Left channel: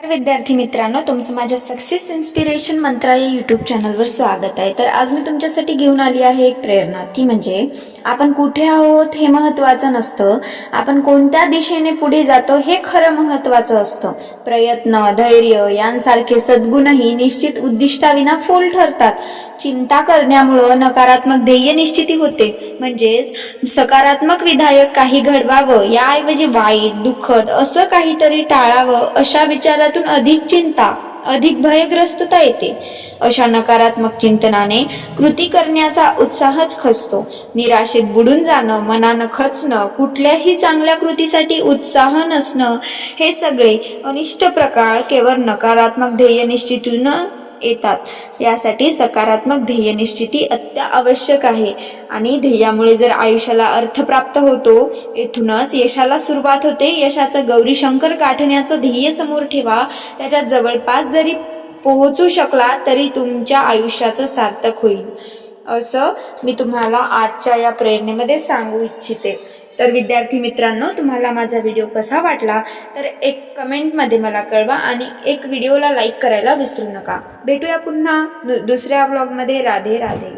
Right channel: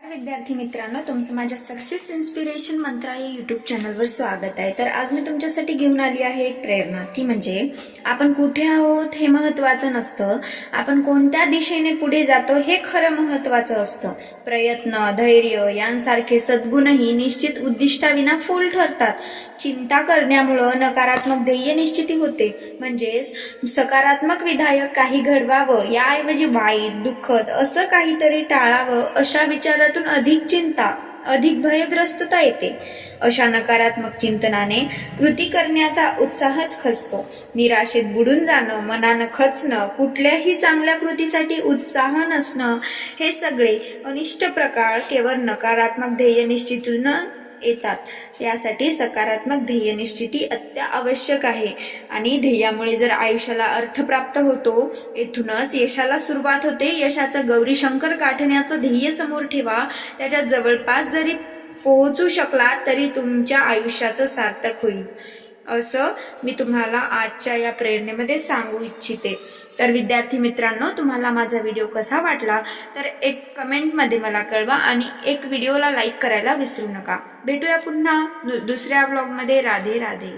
विद्यार्थी मित्रांनो, तुमचं माझ्या सक्सेस इन्स्पिरेशन मंत्रा या यूट्यूब चॅनलवर स्वागत आहे। तर आज मी तुमच्यासाठी घेऊन आली आहे एक प्रेरणा, ती म्हणजे आपण कुठे आहोत हे महत्त्वाचं नसतं, आपण कोणत्या दिशेने पुढे जातो हे खरं महत्त्वाचं असतं। प्रयत्न, धैर्य यांसारखे सद्गुणही निश्चित उद्दिष्टाविना फोल ठरतात। चिंता करण्यामुळे नकारात्मक ध्येय निश्चिती होते, म्हणजेच सकारात्मक विधायक काही घडवावं याऐवजी वाईट, दुःखद असं काहीतरी टाळावं अशा विचारातून अधिक चिंता, अधिक भयग्रस्तता येते। अशा नकारात्मक चिंतनाने कृती करण्याचा उत्साहच खचतो। निराशेत बुडून जाणं, मनानं खचणं, कुठल्याही चांगल्या कृतीसाठी उत्साह नसणं, हे सगळे अनिष्ट प्रकार केवळ नकारात्मक ध्येय निश्चितीतून येतात। यासाठी सकारात्मक ध्येय निश्चिती अत्यावश्यक आहे आणि ध्येयामुळे जर आयुष्याला अर्थ प्राप्त होतो, येथूनच यशाला सुरुवात होते। यशाचं गौरीशंकर गाठण्याचं ध्येय समोर ठेवा, त्याच्या जवळपास जरी पोहोचू शकला तरी तुमच्या आयुष्याचं सार्थक होईल, असं मी तुम्हाला आजच्या या प्रेरणेमध्ये सांगू इच्छिते। तर विद्यार्थी मित्रांनो, तुम्हाला माझा व्हिडिओ कसा वाटला तर एक कमेंटमध्ये मला कळवा आणि एक व्हिडिओला लाईक करायला विसरू नका। भेटूया पुन्हा दुसऱ्या व्लॉगमध्ये। राधे राधे।